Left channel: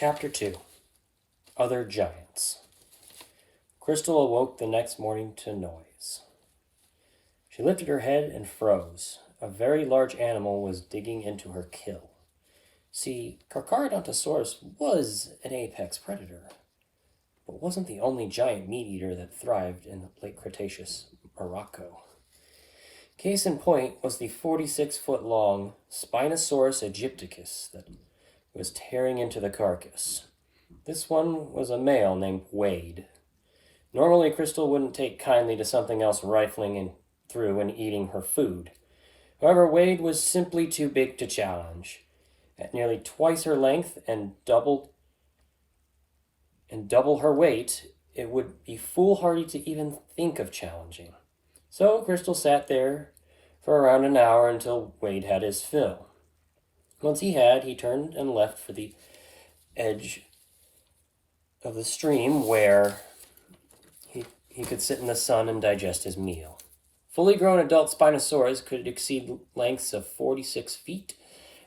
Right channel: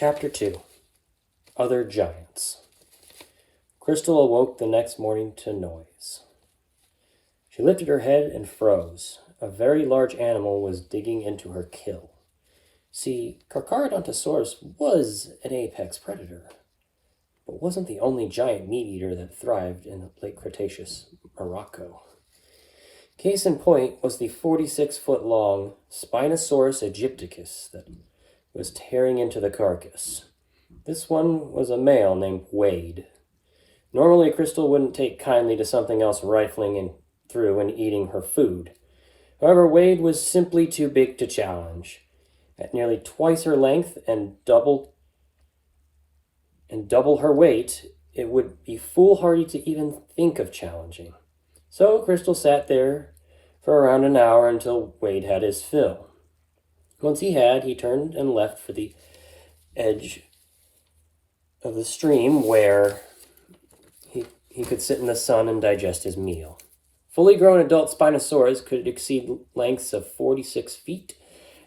Chapter 2 Other Giants. Crystal awoke the next morning to noise. She lifted her head and froze. A very large animal was digging into her kill. See, Carcharodontosaurus was an apex predator, but wasn't the only giant meat-eater that thrived in the late Cretaceous Morocco. Case in point was the 46-foot-long Spinosaurus aegypticus that was tearing into the carcass. This one was a male named Wade. Normally, Crystal wouldn't take kindly to something else rifling through and eating her food. However, Wade was simply too big to challenge. At nearly twice her length and double her weight, it would be foolhardy to even think of challenging. So Crystal sat there for around an hour until Wade had his fill. Once he turned and left for the edge of the stream where he could sit in the sun and digest his meal. Fully grown adult Spinosaurus could exceed lengths of 46 feet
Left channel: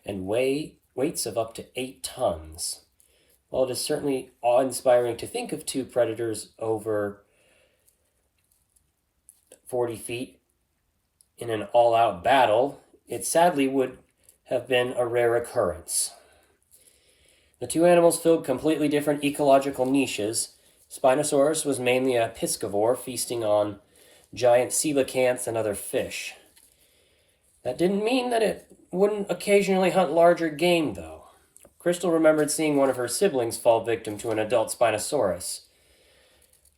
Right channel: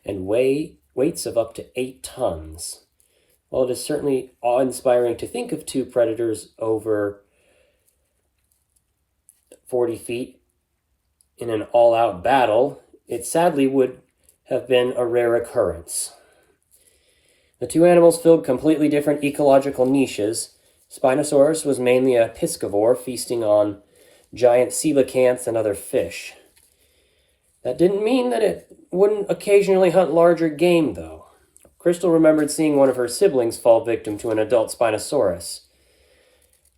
and weights of up to 8 tons. While it is certainly awe-inspiring to think of two predators over 40 feet in an all-out battle, it sadly would have been a rare occurrence. The two animals filled completely different ecological niches. Spinosaurus was mainly a piscivore, feasting on giant coelacanths and other fish. That didn't mean that it wouldn't occasionally hunt larger game, though. Crystal remembered seeing one of her siblings fall victim to an adult Spinosaurus.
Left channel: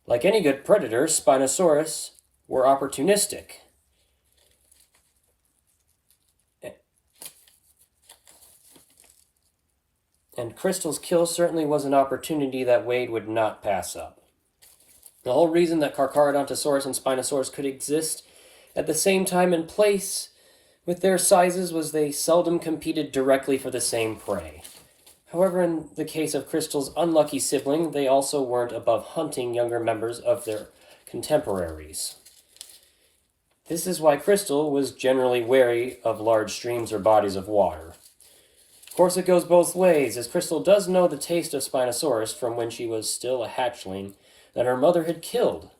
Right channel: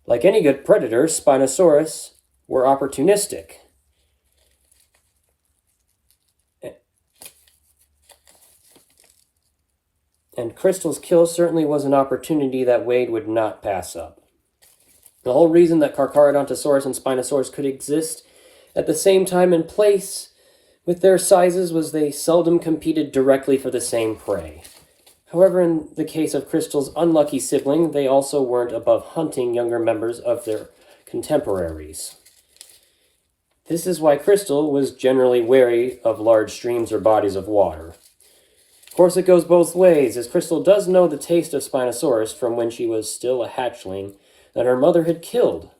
Like any good predator, Spinosaurus were opportunistic. And Crystal's kill certainly was an opportunity that Wade would not pass up. The whole reason that Carcharodontosaurus and Spinosaurus could exist at the same time and place with their sizes was they seldom competed directly for the same prey. However, in the case of Crystal's unlucky sibling, they also weren't above hunting younger members of their contemporaries. This is why Crystal was generally wary of large streams or bodies of water. Of course, it goes both ways, as Crystal does know the taste of Spinosaurus from when she was still a hatchling that her mother had killed.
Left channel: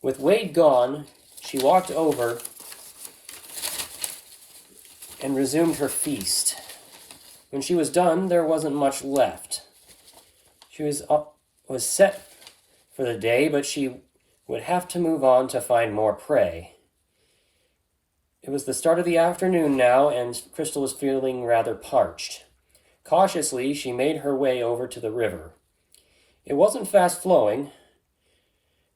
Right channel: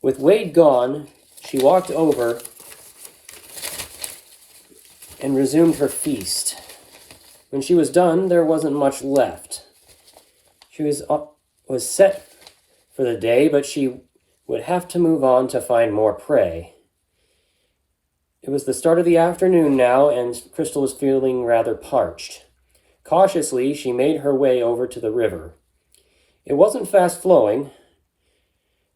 With Wade gone, she walked over and resumed her feast. When she was done, there wasn't much left. She was set for the day, but she would have to move on to find more prey. It was the start of the afternoon now, and Crystal was feeling rather parched. Cautiously, she made her way over to the river. It wasn't fast-flowing.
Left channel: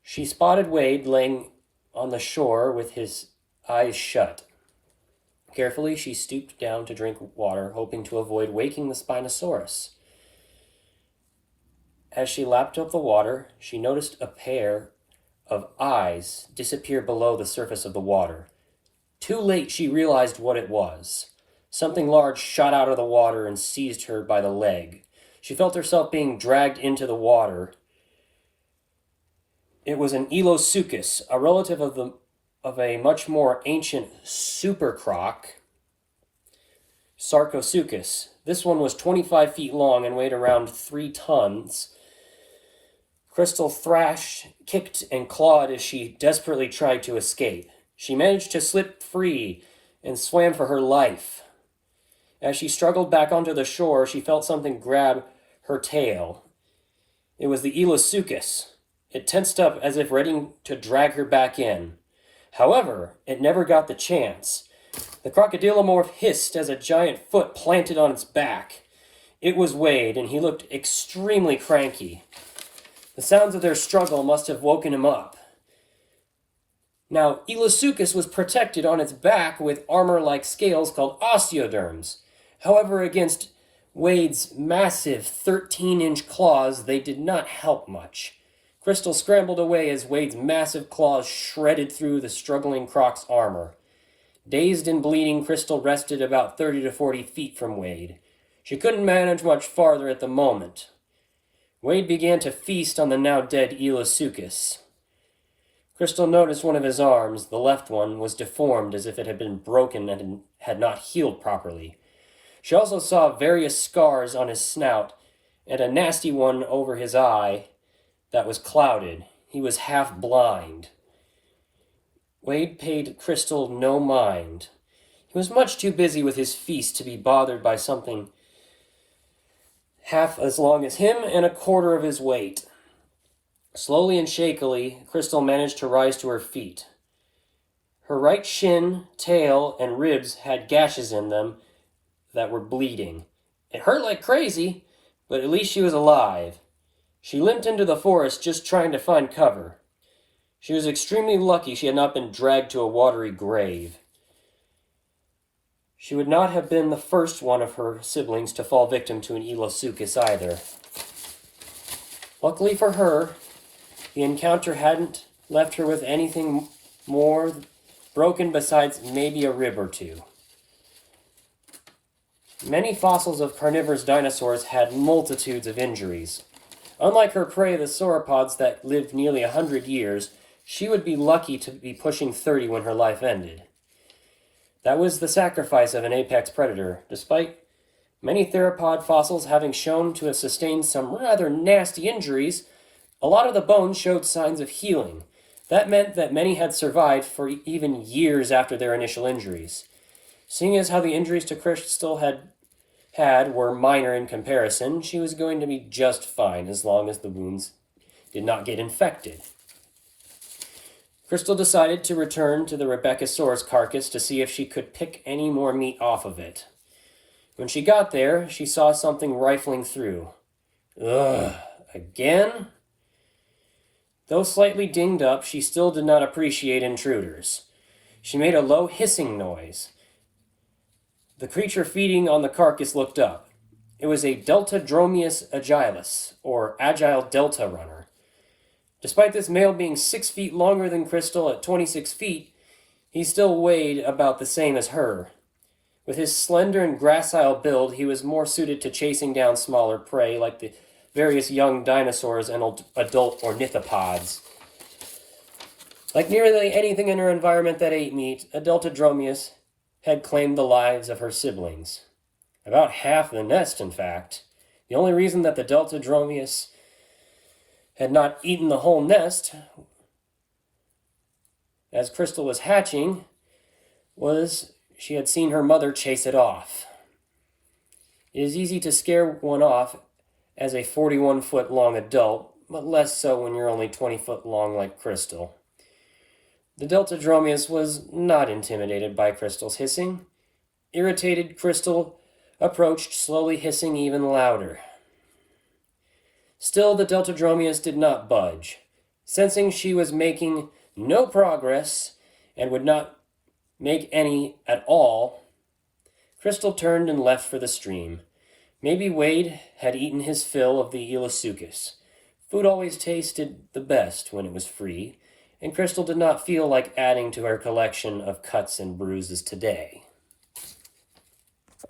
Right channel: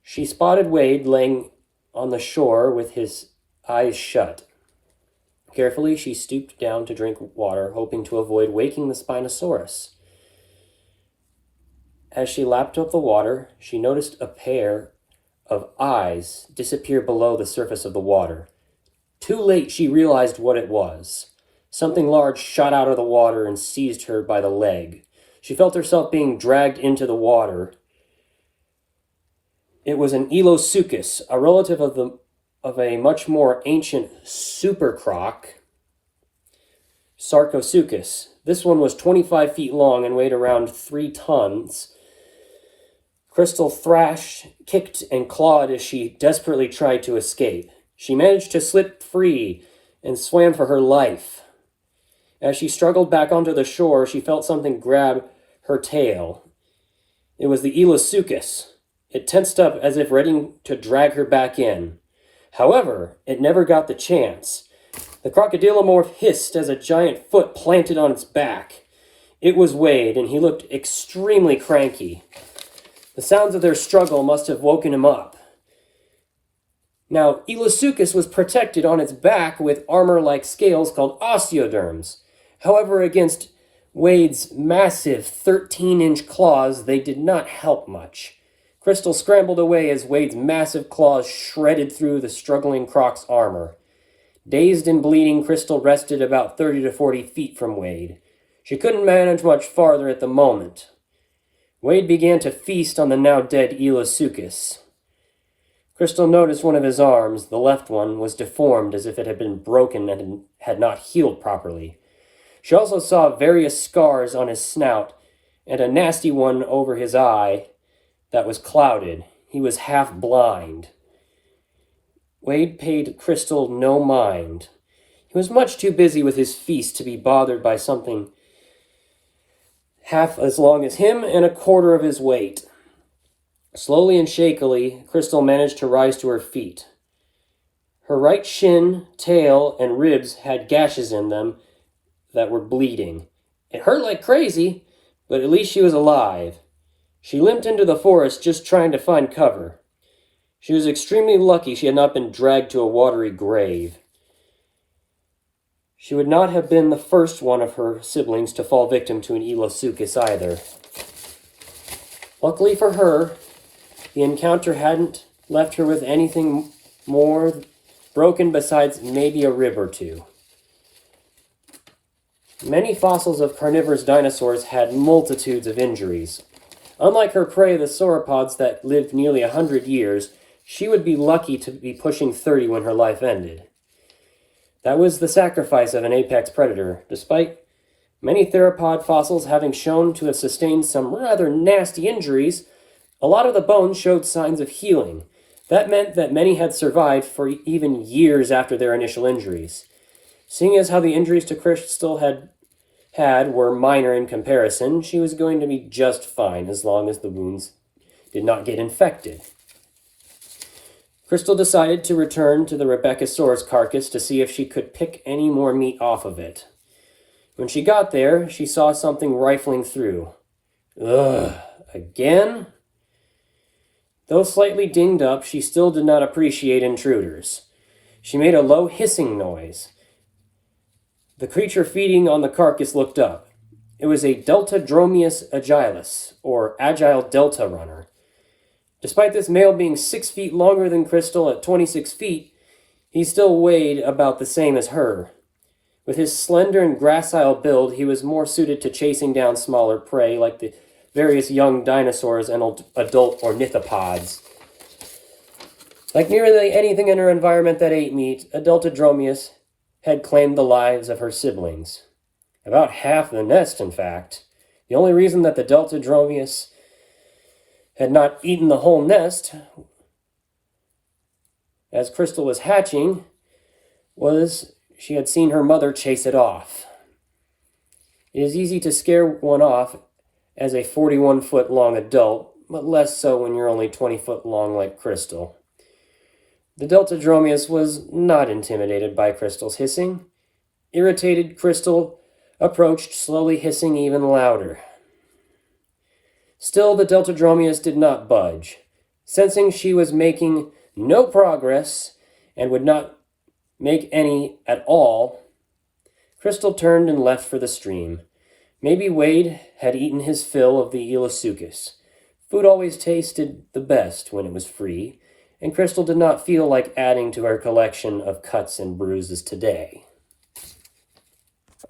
She spotted Wade laying on the shore with his eyes shut. Carefully, she stooped down to drink water, hoping to avoid waking the Spinosaurus. As she lapped up the water, she noticed a pair of eyes disappear below the surface of the water. Too late, she realized what it was. Something large shot out of the water and seized her by the leg. She felt herself being dragged into the water. It was an Elosuchus, a relative of a much more ancient supercroc, Sarcosuchus. This one was 25 feet long and weighed around 3 tons. Crystal thrashed, kicked, and clawed as she desperately tried to escape. She managed to slip free and swam for her life. As she struggled back onto the shore, she felt something grab her tail. It was the Elosuchus. It tensed up as if ready to drag her back in. However, it never got the chance. The crocodilomorph hissed as a giant foot planted on its back. It was Wade, and he looked extremely cranky. The sounds of their struggle must have woken him up. Now, Elosuchus was protected on its back with armor-like scales called osteoderms. However, against Wade's massive 13-inch claws, they did not help much. Crystal scrambled away as Wade's massive claws shredded through the struggling croc's armor. Dazed and bleeding, Crystal rested about 30 to 40 feet from Wade. She couldn't manage much farther at the moment. Wade began to feast on the now dead Elosuchus. Crystal noticed one of his arms, the left one, was deformed as if it had been broken and had not healed properly. She also saw various scars on his snout and a nasty one over his eye that was clouded. He was half blind. Wade paid Crystal no mind. He was much too busy with his feast to be bothered by something half as long as him and a quarter of his weight. Slowly and shakily, Crystal managed to rise to her feet. Her right shin, tail, and ribs had gashes in them that were bleeding. It hurt like crazy, but at least she was alive. She limped into the forest just trying to find cover. She was extremely lucky she had not been dragged to a watery grave. She would not have been the first one of her siblings to fall victim to an Elasuchus either. Luckily for her, the encounter hadn't left her with anything more broken besides maybe a rib or two. Many fossils of carnivorous dinosaurs had multitudes of injuries. Unlike her prey, the sauropods that lived nearly 100 years, she would be lucky to be pushing 30 when her life ended. That was the sacrifice of an apex predator, despite many theropod fossils having shown to have sustained some rather nasty injuries. A lot of the bones showed signs of healing. That meant that many had survived for even years after their initial injuries. Seeing as how the injuries to Crystal had were minor in comparison, she was going to be just fine as long as the wounds did not get infected. Crystal decided to return to the Rebeccasaurus carcass to see if she could pick any more meat off of it. When she got there, she saw something rifling through. Ugh, again? Though slightly dinged up, she still did not appreciate intruders. She made a low hissing noise. The creature feeding on the carcass looked up. It was a Deltadromeus agilis, or agile delta runner. Despite this male being 6 feet longer than Crystal at 26 feet, he still weighed about the same as her. With his slender and gracile build, he was more suited to chasing down smaller prey like the various young dinosaurs and adult ornithopods. Like nearly anything in her environment that ate meat, a Deltadromeus had claimed the lives of her siblings. About half the nest, in fact. The only reason that the Deltadromeus had not eaten the whole nest as Crystal was hatching was she had seen her mother chase it off. It is easy to scare one off as a 41-foot-long adult, but less so when you're only 20 foot long like Crystal. The Deltadromeus was not intimidated by Crystal's hissing. Irritated, Crystal approached, slowly hissing even louder. Still, the Deltadromeus did not budge. Sensing she was making no progress and would not make any at all, Crystal turned and left for the stream. Maybe Wade had eaten his fill of the Elasuchus. Food always tasted the best when it was free, and Crystal did not feel like adding to her collection of cuts and bruises today.